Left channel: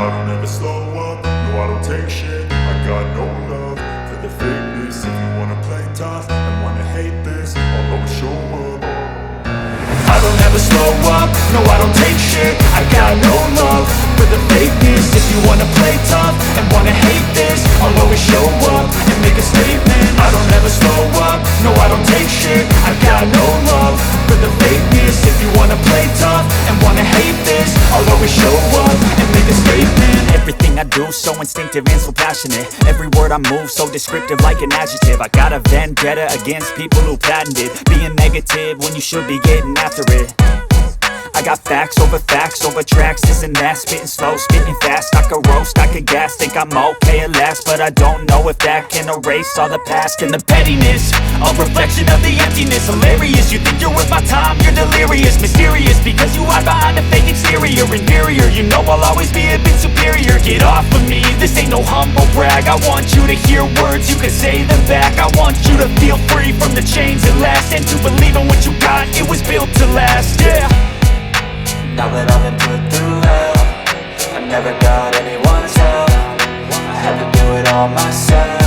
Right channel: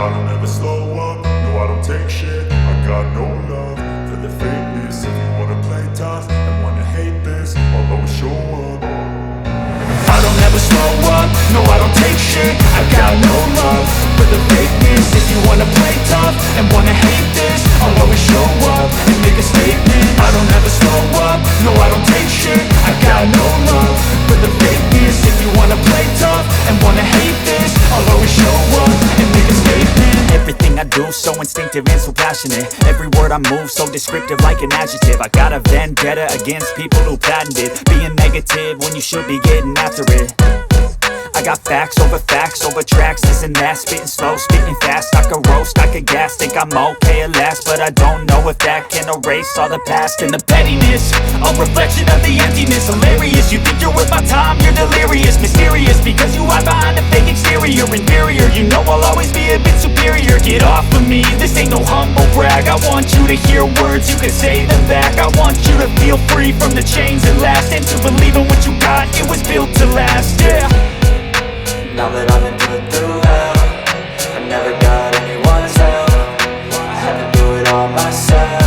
I don't ever slow up, no I don't take shit. I got no love for the fakeness. If you wanna play tough and wanna hate this, I'll always show up. I don't ever slow up, no I don't take shit. I got no love for the fakeness. If you wanna play tough and wanna hate this, I'll always show up and make a statement. I don't ever slow up, no I don't take shit. I got no love for the fakeness. If you wanna play tough and wanna hate this, I'll always show up and make a statement. Everything I do so instinctive and so passionate. Every word I move so descriptive like an adjective. I got a vendetta against people who patented being negative when you should be getting after it. I got facts over tracks, this and that. Spitting slow, spitting fast, I could roast, I could gas. Think I'm okay at last, but I don't know if that can erase all the past. And the pettiness, a reflection of the emptiness. Hilarious, you think you're worth my time, you're delirious. Mysterious, because you hide behind a fake exterior. Inferior, you know I'll always be a bit superior. Get off of me, this ain't no humble brag. I want you to hear words, you can say them back. I want you to feel free from the chains at last, and to believe in what you got, it was built to last, yeah. Now that I've been put through hell, I never got anyone's help. I had to do it all myself.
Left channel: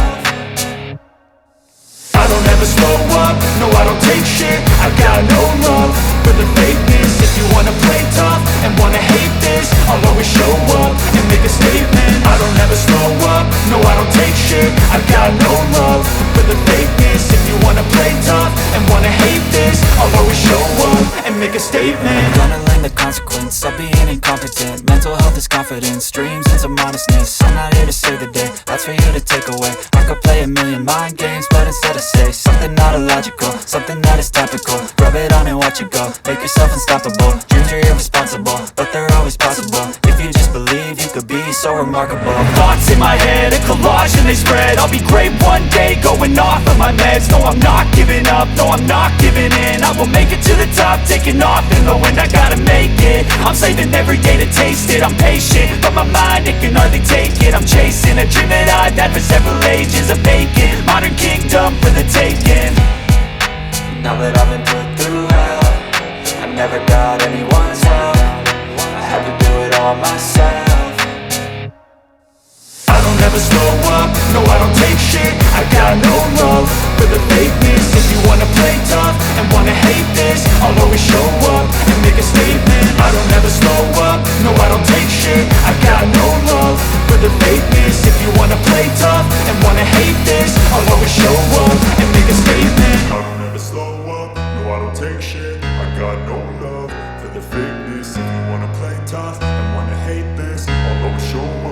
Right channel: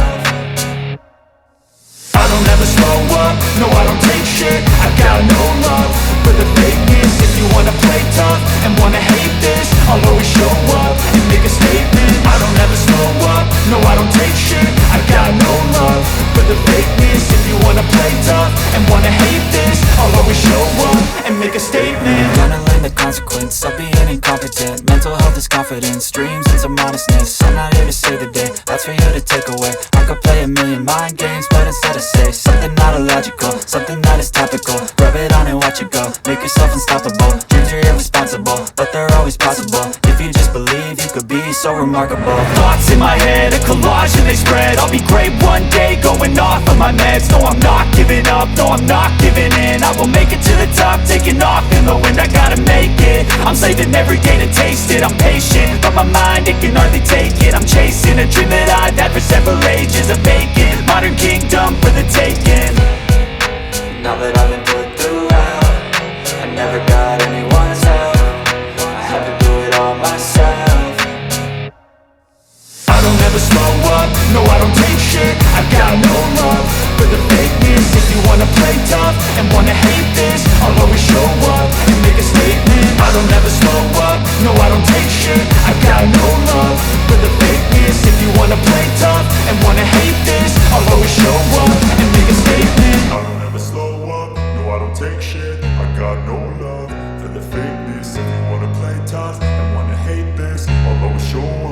I don't ever slow up, no I don't take shit. I got no love for the fakeness. If you wanna play tough and wanna hate this, I'll always show up and make a statement. I don't ever slow up, no I don't take shit. I got no love for the fakeness. If you wanna play tough and wanna hate this, I'll always show up and make a statement. Gonna learn the consequence of being incompetent. Mental health is confidence, dreams and some modestness. I'm not here to save the day, that's for you to take away. I could play a million mind games, but instead I say something not illogical, something that is topical. Rub it on and watch it go, make yourself unstoppable. Dreams are irresponsible, but they're always possible. If you just believe, you could be so remarkable. Thoughts in my head, a collage and they spread. I'll be great one day, going off of my meds. No, I'm not giving up, no, I'm not giving in. I will make it to the top, taking off in the wind. I gotta make it, I'm saving every day to taste it. I'm patient, but my mind, it can hardly take it. I'm chasing a dream that I've had for several ages. A vacant, modern kingdom for the taking. Now that I've been put through hell, I never got anyone's help. I had to do it all myself. I don't ever slow up, no I don't take shit. I got no love for the fakeness. If you wanna play tough and wanna hate this, I'll always show up and make a statement. I don't ever slow up, no I don't take shit. I got no love for the fakeness. If you wanna play tough and wanna hate this, I'll always show up and make a statement. I don't ever slow up, no I don't take shit. I got no love for the fakeness. If you wanna play tough and wanna hate this, I'll always show up